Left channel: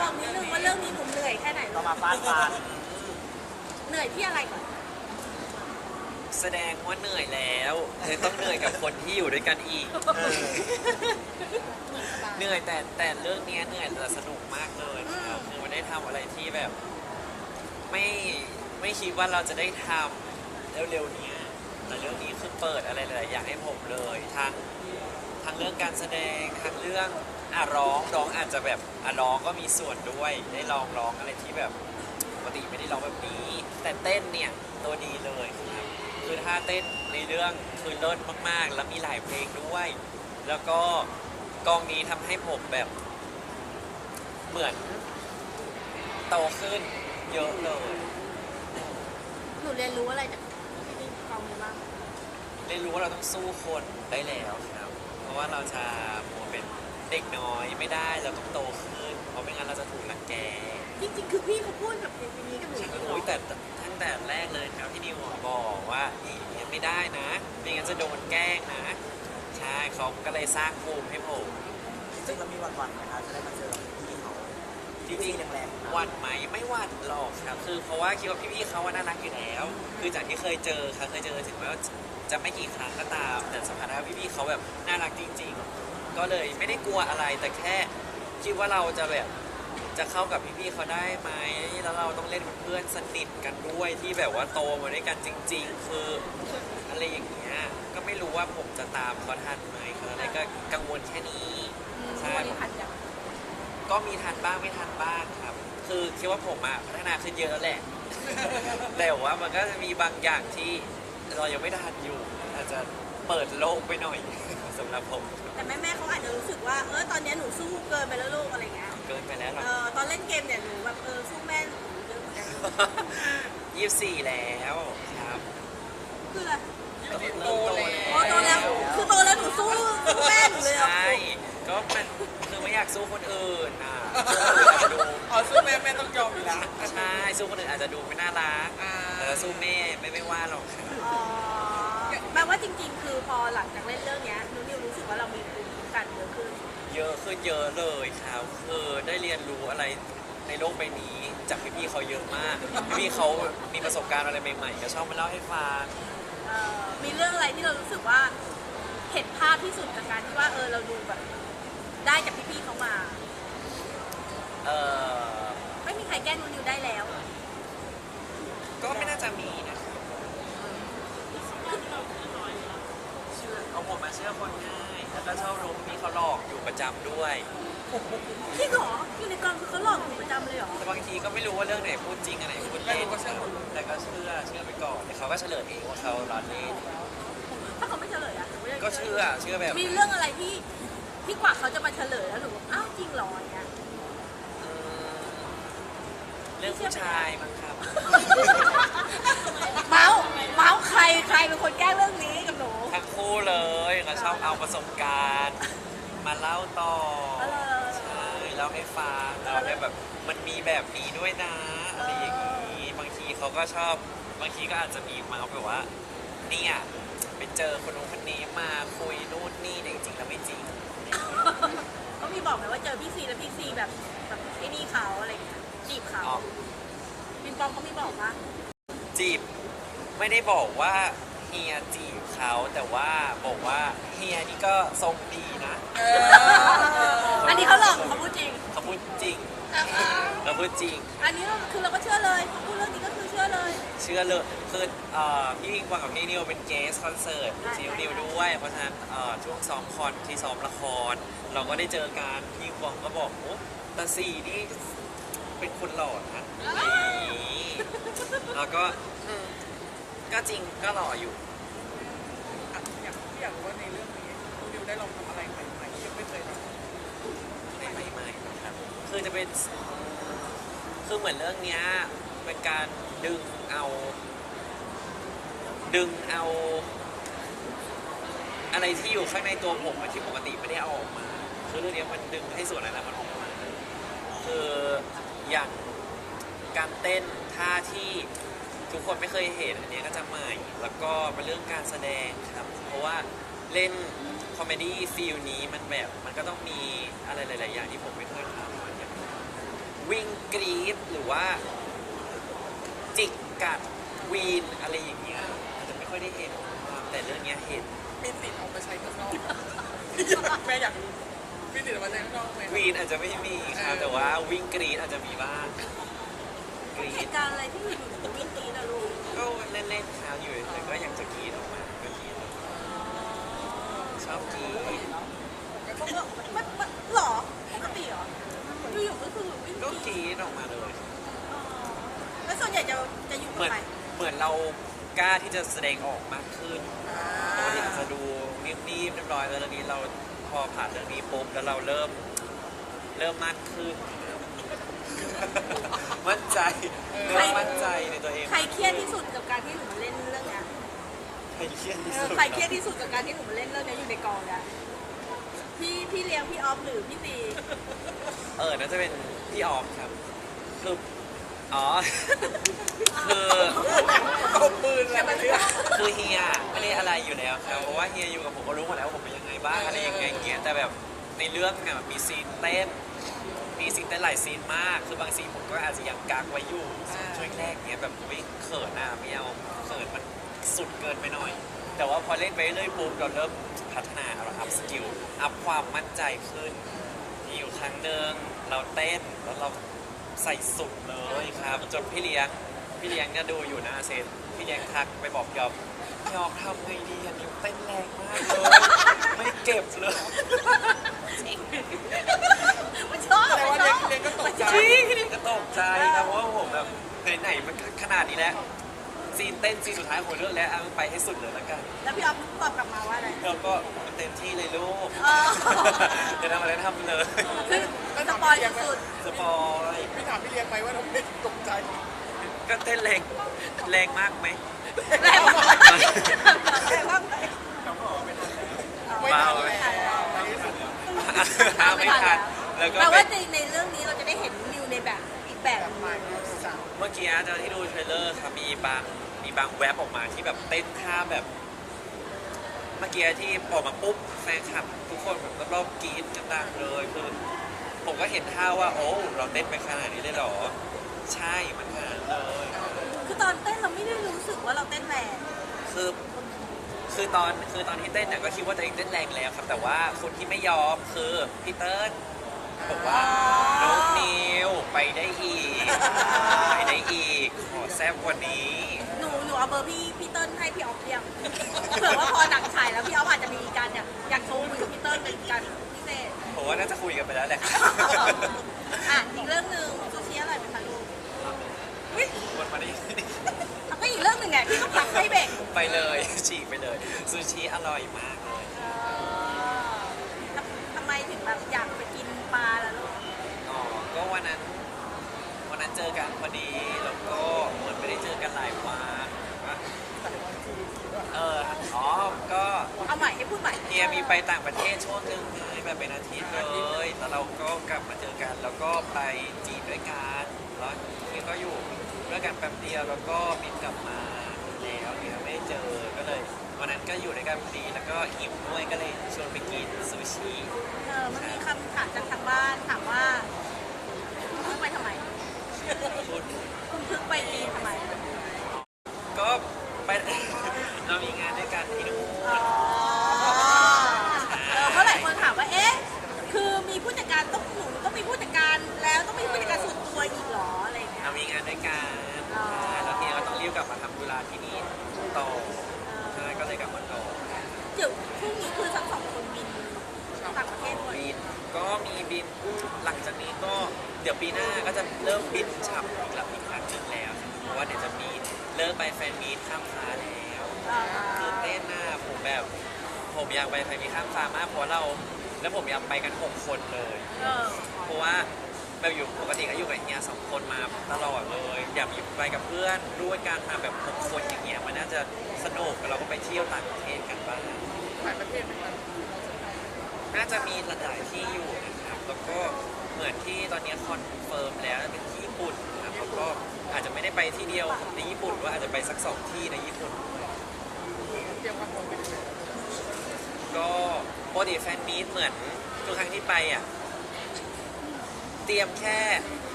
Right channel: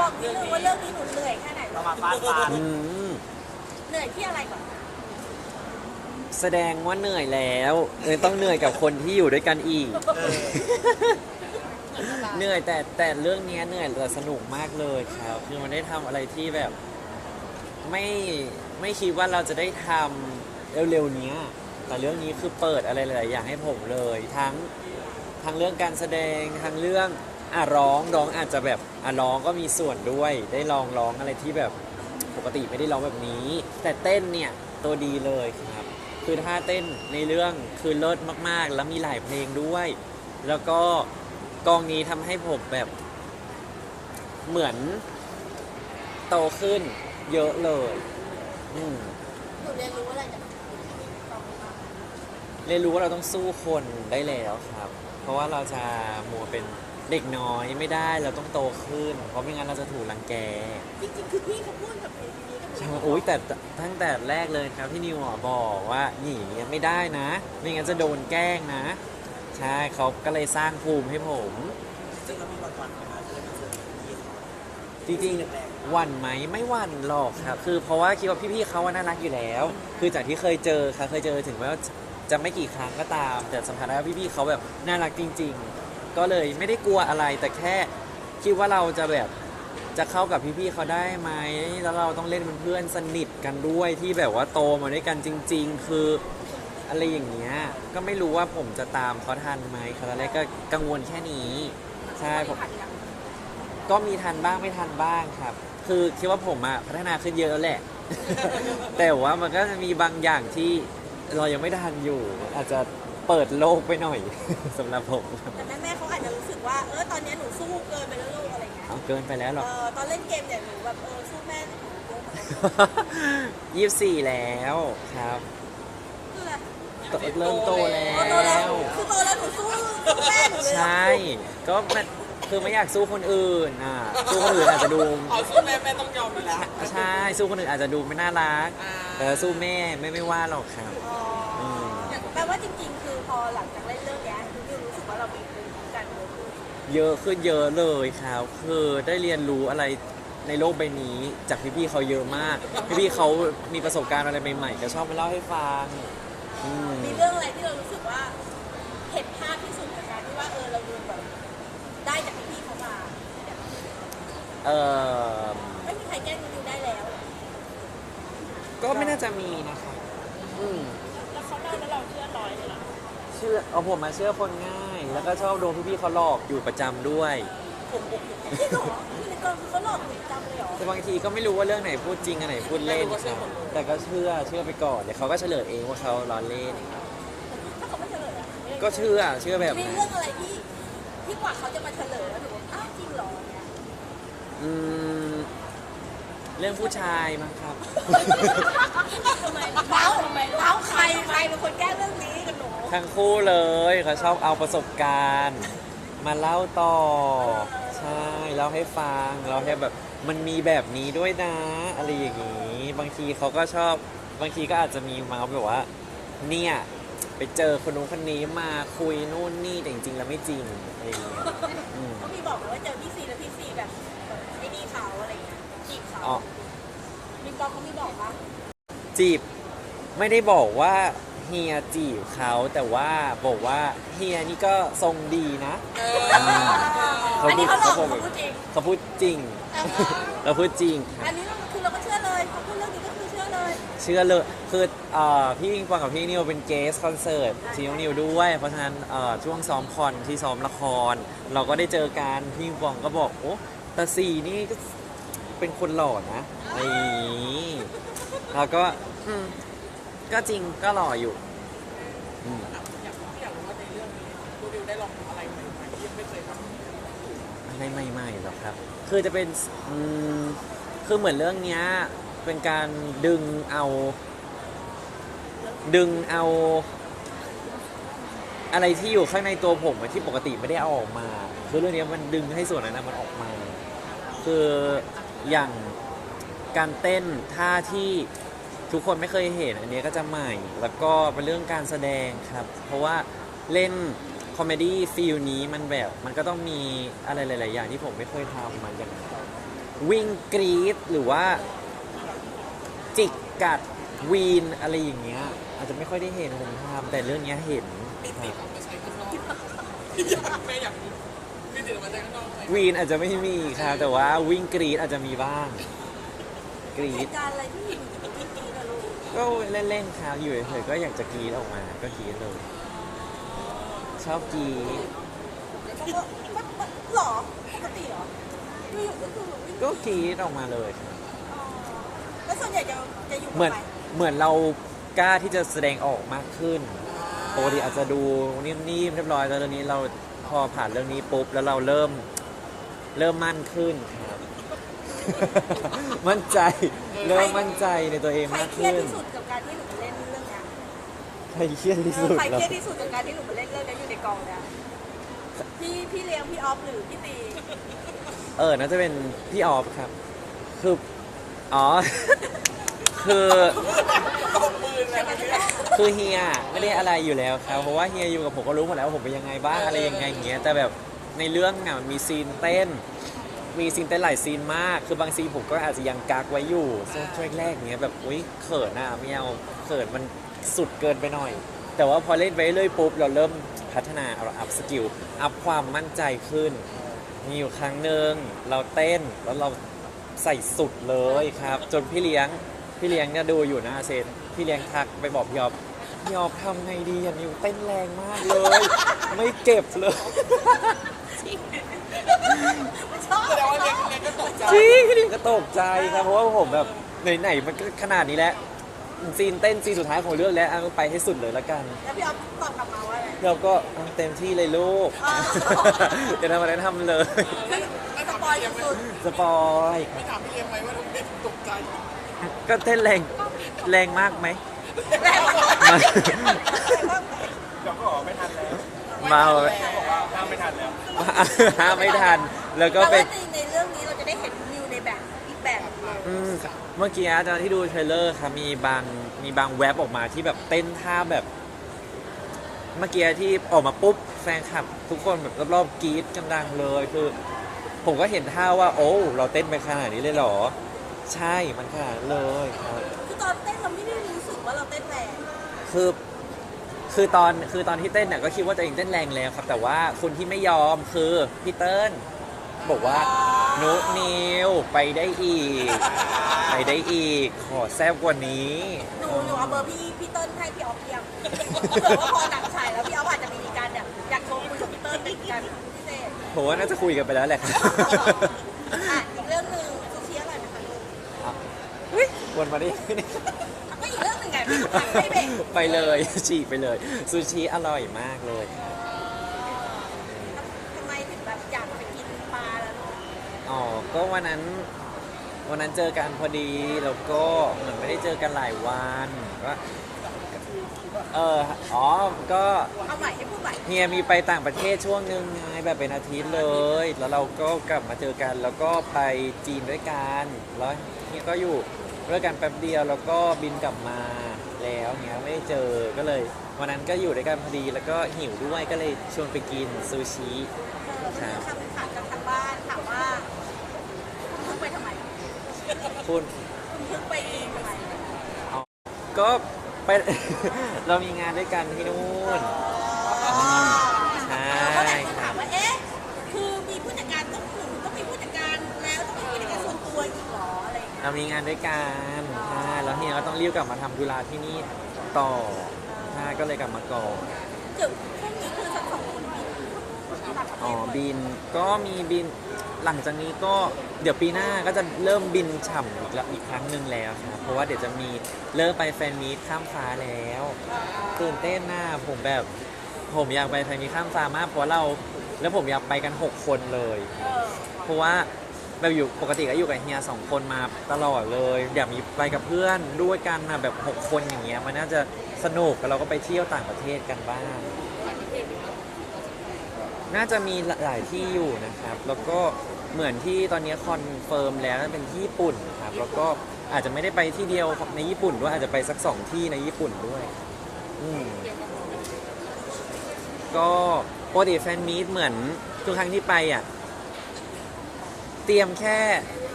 บอกนิดนึงว่าเรื่องนี้หนูเหนื่อยแค่ไหนต้องมาฟาดฟันอืมเหนื่อยที่อะไรก่อนแสดงว่าเหนื่อยแล้วเลยต้องเหนื่อยกับคนที่อยู่ด้วยกันอีก เออ เหนื่อยแต่แต่เรื่องเนี้ยเหนื่อยแต่สนุกมากเลยครับคือมันได้ทำอะไรที่แบบ ไม่ไม่คิดว่าเราจะได้ทำเร็วๆเนี้ย แต่เรื่องนี้คือเปิดอะไรหลายๆอย่างให้ผมเลย ทั้งทั้งเรื่องการแสดงทั้งเรื่องอะร้องร้องอาจจะแบบอะร้องก็มีส่วนด้วย ได้ลองร้องอะไรที่แบบปกติไม่ได้ร้องแบบนี้ แต่เต้นเนี่ยตัวดีเลยครับ คือท่าเต้นในเรื่องคือเลิศมากๆ แล้วมีหลายเพลงด้วย แล้วก็ กองนี้ทำให้ผมแบบเหมือนโตขึ้นเยอะเลย อืม หนูเรียนรู้อะไรจากกองนี้บ้างเรียนรู้ว่าเราต้องสู้คนได้แล้วครับ เพราะว่าเราจะมัวเป็นเด็กน้อยไม่ได้เราต้องโตขึ้น เพราะไม่งั้นเราจะถูกรังแกจริงๆคือพี่เขาพูดกับคนนี้กับหนูใช่โอ้ยแต่ตั้งแต่แรกเลยครับพี่นิวอะบอกว่าหนีไม่ได้นะ ไม่งั้นจะโดนแกล้งนะ ใช่เขาก็เลยสร้างภูมิให้ผม จริงๆเรามีวันวันๆไหมครับที่มาเจอกับพี่เขาจริงๆหวันไหมไม่หวันหรอกครับ คือเพราะว่าคิดว่าพี่ๆเขาว่าน่ารักอยู่แล้ว คือจากที่เคยเจอค่ะเคยเจอถึงแม้ว่าจะไม่กี่ครั้งก็ตาม แต่สัมผัสได้ว่าพี่ๆเขาแบบน่ารักจริง ๆ ก็เลยไม่ได้กลัวอะไรแต่แค่คิดว่าเราจะแบบจะเข้ากับพี่ๆเขาได้ไหมแล้วเราต้องเล่นเป็นเพื่อนสนิทกันด้วยที่แบบว่าโตมาด้วยกันจริง ๆ คือ อะไรอย่างเงี้ยก็ไม่รู้ว่าผมจะตามเขาทันไหมครับตอนแรกก็กังวลแค่นี้ใช่ผมผ่านอย่างก็มีทันบ้างไม่ทันบ้างครับ คือคิดว่าผมอะพัฒนาขึ้นเยอะแล้วแหละ แต่ว่ามันก็จะมีบางอย่างที่เรายังไม่ทันอยู่ อาจจะเปิดโลกไปหน่อย สำหรับผมแต่แม่ๆเขาอาจจะรู้สึกว่าเออตอนนี้หนูสู้เกินไปแล้วลูกอะไรเงี้ยเอาเกินไปแล้วหรเออกอตอนเล่นเกมเนี่ยหนูแบบเออสู้แม่หนูเยอะเหมือนกันยี่สิบสี่แล้วครับคือ อะไรโตเริ่มโตแล้โตแล้ว ว คือโตแล้วหนูสู้สู้แม่หนูเลยเหรอใช่ ก็มันคือไม่อยากสู้คนอื่นอะสู้คนอื่นอาจจะดู อ๋อสู้แม่แม่ต้องยอมอยู่แล้ว ใช่ สู้คนอื่นอาจจะดูไม่น่ารักอ่าแต่สู้แม่ไม่ไม่ว่าหรอกครับอ๋อแปลว่าจริงๆ คือพอหลังจากเล่นเรื่องเนี้ยหนูนิวรู้สึกว่าเรามีการคือเยอะขึ้นเยอะเลยครับ คือได้เรียนรู้อะไรในโลกใบนี้จากพี่ๆเขาเยอะมาก พี่ๆเขามีประสบการณ์อะไรใหม่ๆก็ชอบมาเล่าให้ฟังเอ่ออ มมีเรื่องอะไรที่เรารู้สึกว่าเห็นภาพที่สุดจากการที่ว่าเออเราดูแบบได้จากพี่ๆเขามา เออไม่มีใครแกล้งหนูนิวได้แล้วก็ไม่น่าจะมีนะครับอืมแล้วเขาได้แล้วเราเชื่อร้อยเลยเหรอเชื่อเอาผมมาเชื่อคนง่าย แล้วก็ชอบโดนพี่ๆเขาหลอกอยู่ประจำด้วย จริงเหรอในกองคือเขาหลอกหนูประจำเลยเหรอแต่บางทีก็ไม่รู้ว่าเรื่องไหนพูดจริงอันไหนพูดเล่นครับแต่ก็เชื่อเชื่อไปก่อนเดี๋ยวเขาก็เฉลยเองว่าเขาล้อเล่น ถ้าเขาไม่เฉลยอะก็เชื่อเชื่อแบบมีนั้นเรื่องอะไรที่ที่กว่าเขาจะมาเฉลยแล้วหนูบอกอ้าวจริงเหรอเนี่ยอืมเรื่องผู้ชายมั้งครับเมาส์เมาส์ใครใครเป็นคนแก้เรื่องนี้กับหนูทั้งคู่เลยเขาชอบเอาประสบการณ์ มาเล่าต่อ ใช่เล่าให้ฟังเราให้แบบมันมีแบบนี้ด้วยนะอะไรอย่างนี้ บางทีเขาก็ชอบบางทีก็อาจจะมีมาแบบว่า เนี่ยไปเจอคนนู้นคนนี้มาคุยนู่นนี่แต่จริงๆแล้วไม่จริงอะไรอย่างเงี้ยอืมเขามีบอกไหมว่าเจอพี่ซีแล้วพี่ซีแบบแบบไอ้นี่เขาอะไรอย่างเงี้ยจีบเขาอ๋อ บินปองเขามีบอกว่าจีบไม่ได้บอกว่า เฮียจีบเขาแต่ว่าบอกว่าเฮียนี่ก็ทรงดีนะอันนี้เขาหลอกเขาพูดจริง เขาพูดจริงเราพูดจริง อันนี้คือเราก็เชื่อเลยเขาพูดเรื่องนี้ก็คือเชื่อเลย เชื่อเลยคือเอ่อพี่ปิงปองกับพี่นิวเป็นเกสคอนเสิร์ตซีนิวนิวด้วย เพราะฉะนั้นเอ่อช่วงซ้อมคอนที่ซ้อมละคร เราก็ได้เจอกันพี่ปิงปองก็บอกโอ้แต่สีนี่ก็เป็นคนหล่อนะอะไรอย่างนี้แล้วก็อืม ก็จริงก็หล่ออยู่ อยากอยากรู้ว่าในเรื่องนี้คุณดิวได้ลองทำอะไรใหม่ๆที่ยังไม่เคยทำอะไรใหม่ๆหรอครับ คือจะเป็นอืมคือเหมือนเรื่องเนี้ยเป็นการดึงเอา ดึงเอา อะไรที่อยู่ข้างในตัวผมอะที่ปกติไม่ได้เอาออกมา คือเรื่องเนี้ยมันดึงให้ส่วนนั้นนะมันออกมา คืออย่างการเต้นท่าที่ ทุกคนไม่เคยเห็นอันนี้ก็จะใหม่ แล้วก็เป็นเรื่องการแสดงครับ เพราะว่าเล่นคอมเมดี้ฟิลนี้มันแบบมันก็ต้องมีอะไรหลาย ๆ อย่างที่ผมไม่เคยทำมาอย่างวิ่งกรีดหรือว่า จิกกัดวีนอะไรอย่างเงี้ยอาจจะไม่ค่อยได้เห็นผมทำแต่เรื่องเนี้ยเห็นมีติดเอาไปใช้ข้างนอกแม่อยากรู้มีติดเอาไปใช้ข้างนอกไหมวีนอาจจะไม่มีครับแต่ว่าวิ่งกรีดอาจจะมีบ้าง กรีเหดตุการณ์อะไรที่อยู่วิธีเราดูก็เล่นๆครับอยู่เฉยๆก็อยากจะกรีดออกมาก็กรีดเลยชอบกรีดมันมันหรอปกติเหรอคืออยู่ก็คือวิ่งก็กรีดออกมาเลยครับอ๋อแล้วส่วนใหญ่จะจะอยู่เหมืกับอนใครเหมือนเรากล้าที่จะแสดงออกมากขึ้นปกติอาจจะดูนิ่มๆเรียบร้อยแต่ตอนนี้เราพอผ่านเรื่องนี้ปุ๊บแล้วเราเริ่มเริ่มมั่นขึ้นครับ มั่นใจเริ่มมั่นใจในตัวเองใครมากเครียดขึ้นที่สุดกับการที่หนูมาเล่นเรื่องเนี้ยใครเครียดที่สุดใครเหรเครียอดที่สุดกับการที่หนูมาเล่นเรื่องเนี้ยอยู่ในกองเนี่ยพี่พี่เลี้ยงพี่ออฟหรือพี่ตีเออน่าจะเป็นพี่ออฟครับ คืออ๋อ คือตบมือแล้วเนี่ยคือเฮียไม่ได้อะไรอยู่แล้วครับเพราะว่าเฮียอยู่กับผมก็รู้หมดแล้วว่าผมเป็นยังไงบ้างอะไรยังไงอย่างเงี้ยแต่แบบในเรื่องอะมันมีซีนเต้น มีซีนเต้นหลายซีนมาก คือบางซีนผมก็อาจจะยังกักไว้อยู่ช่วงช่วงแรกเงี้ยแบบอุ้ยเขินอะไม่เอาเขินมันสุดเกินไปหน่อย แต่ว่าพอเล่นไปเรื่อยปุ๊บเราเริ่มพัฒนาเราอัพสกิลอัพความมั่นใจขึ้น มีอยู่ครั้งหนึ่งเราเต้นแล้วเราใส่สุดเลยครับ จนพี่เลี้ยงพี่เลี้ยงเนี่ยดูอยู่นะเซนพี่เลี้ยงทักไปบอกพี่ออฟพี่ออฟทำไงดีอะนิวเต้นแรงมากเลย ไม่เก็บเลย จจริงพี่เลี้ยงก็ตกใจครับเพราะว่าผมแบบไหนๆมันก็ขนาดนี้แล้วซีนเต้นซีนสุดท้ายของเรื่องแล้วเอาไปให้สุดเลยละกันแล้วพี่ออฟตอบกลับมาว่าอะไร เราก็ทำเต็มที่เลยลูกอ๋อ จะทำอะไรทำเลยไม่สปอยสุดสปอยไม่ถามพี่เลี้ยงไหมว่าทำไมถึงตกใจก็เต้นแรงแรงมากไหมๆแรงมากแรงมากเราก็บอกไม่ทันแล้วเมาไม่ทันแล้วไม่ทันแล้ว ห้ามไม่ทันแล้วก็แต่เป็ว่านจริงใน เมื่อกี้อาจารย์ที่ดูเทรลเลอร์ครับมีบางมีบางแว็บออกมาที่แบบเต้นท่าแบบ เมื่อกี้ที่ออกมาปุ๊บแฟนคลับ ทุกคนแบบรอบๆกรี๊ดกันดังเลยคือ ผมก็เห็นท่าว่า โอ้ เราเต้นไปขนาดนี้เลยเหรอ ใช่มันขนาดนั้นเลยครับคือตอนเต้นเราไม่ได้รู้สึกว่าเราเต้นแรงคือคือตอนคือตอนที่เต้นเนี่ยก็คิดว่าตัวเองเต้นแรงแล้วครับ แต่ว่าคนที่ไม่ยอมคือพี่เติ้ล บอกว่านุนิวไปได้อีก ไปได้อีก ขอแซบกว่านี้ หนูหนูเอาเบอร์พี่พี่เติ้ลให้พี่ออฟเพียงเผื่อว่าพอหนังฉายแล้วพี่ออฟอาจจะมีการอยากอยากโทรคุยกับพี่เติ้ลเป็นการพิเศษผมว่าน่าจะคุยกันไปแล้วแหละครับอะอีกเรื่องหนึ่งซูชิอร่อยไหมคะลูกวนมาได้ก็อีกเรื่องหนึ่งไงพี่ผัดให้เบรกไปเลยฉีกไปเลยซูชิอร่อยมากเลยเออทำไมถึงแบบอยากไปกินปลาแล้วเนาะ อ๋อ ก็วันนั้นวันนั้นเจอกันพอดีแล้วก็เหมือนไม่ได้เจอกันหลายวันก็เอออ๋อก็เอาใหม่ให้พูดใหม่เฮียมีไปต่างประเทศช่วงหนึ่งไงแบบเป็นอาทิตย์เลย แล้วเราก็กลับมาเจอกัน แล้วก็ไปจีนด้วยกันแล้วเฮียก็อยู่ด้วยกันแป๊บเดียวแล้วก็บินกลับมาแล้วเฮียไม่ได้เจอก็เลย วันนั้นก็อยู่ด้วยกันพอดี แล้วก็หิวด้วยก็เลยชวนไปกินซูชิเออมันมีคำถามจากทางบ้านถามว่า คุณเพิ่งไปทำไม คุณ คุณเพิ่งไปจีนทำไมก็ไป เรามีงานด้วยกันที่นู่นใช่ ก็หลายคนถามว่า เอ๊ะ คือมีผู้จัดการต้องหนุ่มต้องมีผู้จัดการแล้วต้องมีผู้จัดการส่วนตัวอีกเหรออะไรอย่างเงี้ย เรามีงานด้วยกันอ๋อใช่แล้วเฮียก็ต้องรีบกลับมาทำธุระที่นี่ต่อใช่ก็เลยกลับมาก่อนเดี๋ยวพรุ่งนี้คือทั้งสองคนบินต่างประเทอ๋อศหมดบินก็มีบิน หลังจากนี้ก็เดี๋ยวปีหน้าก็จะเริ่มบินฉ่ำอีกแล้วอีกครั้งหนึ่งแล้วครับเพราะว่าเดี๋ยวจะมีเริ่มไปแฟนมีตข้ามฟ้าแล้วตื่นเต้นนะผมแบบผมอยากไปแฟนมีตข้ามฟ้ามากเพราะเราแล้วผมอยากไปกัน 6 คนเลย เพราะว่าแบบอยู่ปกติก็อยู่กับเฮียสองคนมาตลอดเลย อยากมีไปกับเพื่อนด้วยกันนะแบบ 6 คนอย่างเงี้ยมันน่าจะสนุกแล้วเราก็ไปเที่ยวต่างประเทศกันบ้างหลายประเทศไมครับ น่าจะมีหลายที่อยู่นะครับ แล้วก็เหมือนที่ตอนนี้คอนเฟิร์มแล้วเป็นที่ญี่ปุ่นครับ แล้วก็อาจจะไม่ได้ไปที่เดียวในญี่ปุ่นด้วยอาจจะไปสักสองที่ในญี่ปุ่นด้วยอืมเตรียมความพร้อมไปถึงแล้วก็ปกติแฟนมีตเหมือนทุกครั้งที่ไปอะ เตรียมแค่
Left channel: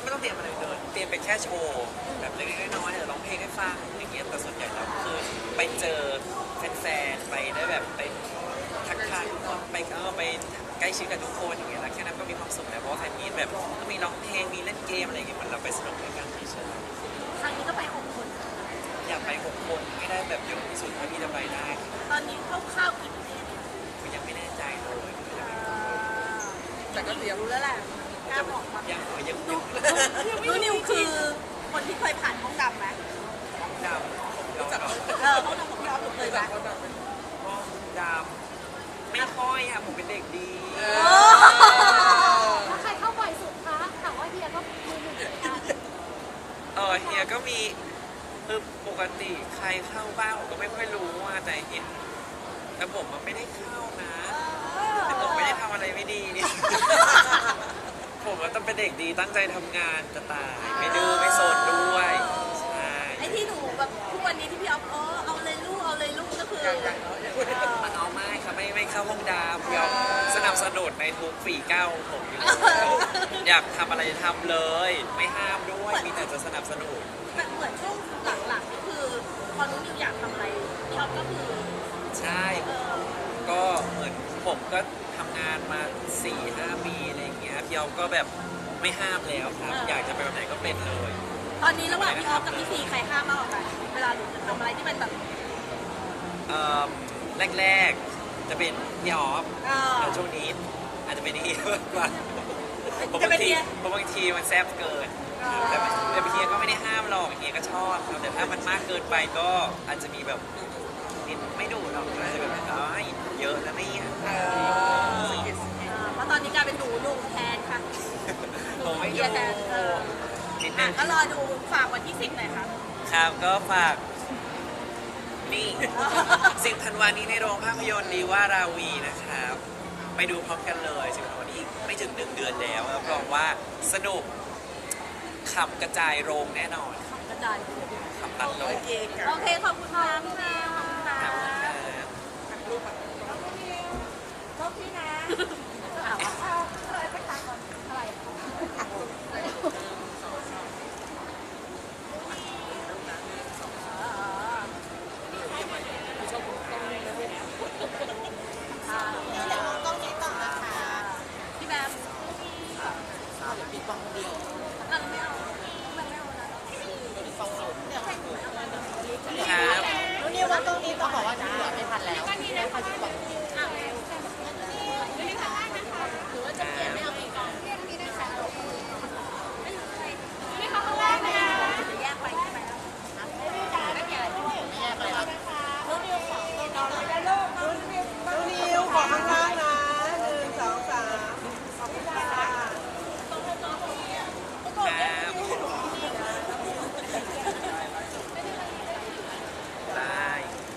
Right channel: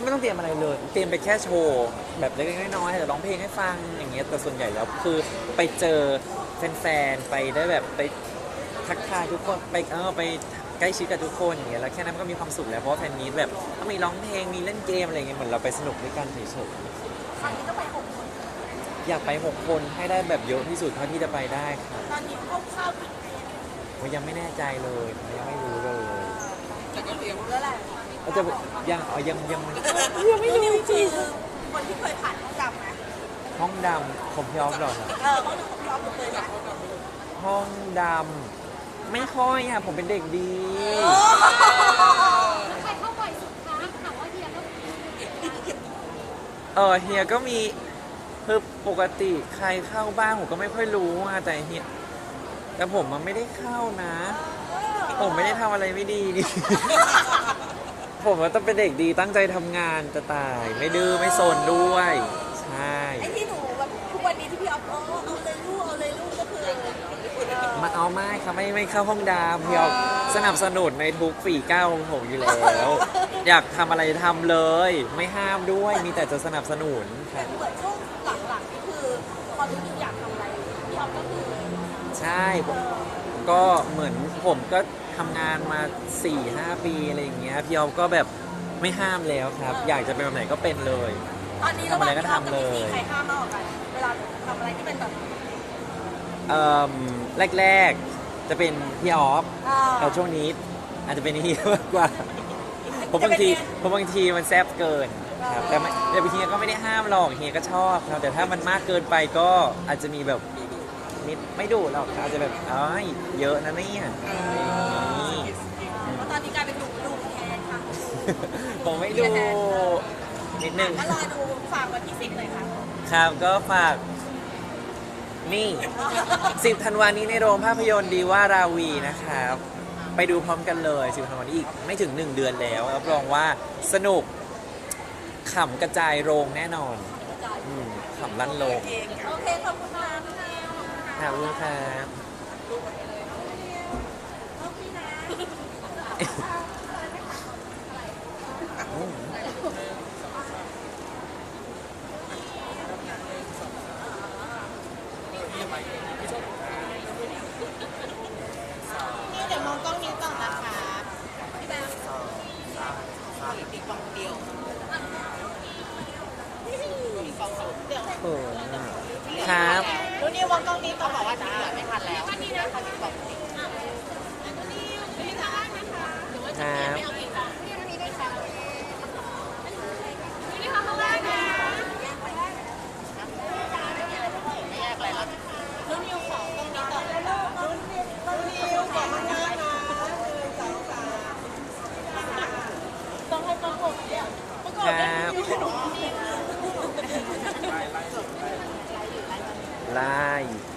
ไม่ต้องเตรียมอะไรเลย เตรียมไปแค่โชว์แบบเล็กๆน้อยๆอาจจะร้องเพลงให้ฟังอย่างเงี้ยแต่ส่วนใหญ่แล้วคือไปเจอแฟนๆไปได้แบบไป ทักทายทุกคนไปเออไปใกล้ชิดกับทุกคนอย่างเงี้ยแล้วแค่นั้นมันก็มีความสุขแล้วเพราะว่าแฟนมีตแบบก็มีร้องเพลงมีเล่นเกมอะไรอย่างเงี้ยเหมือนเราไปสนุกด้วยกันเฉยครั้งนี้ก็ไปหกคน ๆอยากไปหกคนให้ได้แบบเยอะที่สุดเท่าที่จะไปได้ครับตอนนี้คร่าวๆกี่ประเทศผมยังไม่แน่ใจเลยยังไม่รู้เลยแต่ก็เตรียมรู้แล้วแหละก็จะยังเอายังยังยังไม่รู้คือคนที่เคยผ่านห้องดำไหมห้องดำผมพี่ออฟเหรอครับเออห้องดำของพี่ออฟหนูเคยไหมจากว่าเราไม่รู้ห้องดำ ไม่ค่อยอะผมเป็นเด็กดี ใครเข้าบ่อยสุดคะถามว่าเฮียต้องเออเฮียก็มีคือปกติใครเข้าบ้านผมก็ไม่ค่อยรู้อะแต่เฮียแต่ผมมันไม่ได้เข้านะ ผมไม่ได้ทำอะไรไม่ดีนี่ ผมมันต้องเป็นเด็กดีตั้งใจทำงานจะตาย ไม่ดื้อไม่โซนด้วย ใช่ ไอ้ที่หนู ครับไม่ไม่เข้าห้องดำพี่ออฟสนับสนุนในทุกฝีก้าวของผมอยู่แล้ว อยากทำอะไรทำเลย ไม่ห้ามด้วยมีแต่จะสนับสนุน แต่เหมือนช่วงหลังๆนี่คือพอรู้นิวอยากทำอะไรพี่ออฟก็คือใช่ผมก็เหมือนผมก็ทำงานมา 4 5ปีอะไรอย่างเงี้ยพี่ออฟก็แบบไม่ห้ามแล้วครับ อยากจะเป็นแบบไหนก็เป็นเลย ตอนนี้ระหว่างพี่ออฟกับพี่ซีใครห้ามมากกว่ากันเวลาหนูจะทำอะไรที่มันแบบเอ่อแรก ๆ จะเป็นพี่ออฟเอ่อแต่ช่วงนี้อาจจะเป็นเฮียมากกว่าเพราะบางทีจะเป็นเฮียเพราะบางทีมันแซบเกินครับแต่ไม่แต่เฮียก็ไม่ได้ห้ามหรอกเฮียก็ชอบครับแต่ถ้ามันมากเกินไปก็อาจจะมีแบบนิดไม่ดูหรอกอาจจะแบบอ้ายเยอะนะเนี่ยเพราะตอนนี้กลายเป็นหนูอยู่แทนค่ะผมไม่ดูนิดนึงก็รอดูฝากวันที่สิบหน่อยครับครับก็ฝาก นี่สิบธันวานี้ในโรงภาพยนตร์ดีว่าราวีนะครับ ไปดูพร้อมกันเลยสิบธันวานี้อีกไม่ถึง 1 เดือนแล้วรับรองว่าสนุกขำกระจายโรงแน่นอนอืมขำลั่นโรงโอเค ขอบคุณค่ะพี่นิวขอบคุณครับ เดี๋ยวมองกล้องนี้ต่อนะคะ พี่แบม มีฟังคนเดียว ครับ รู้นี่มองกล้องนี้ต่อบอกว่าจะเหลือไม่ทันแล้ว ครับ รู้นิวขอกล้องนี้ต่อ ครับ ไล่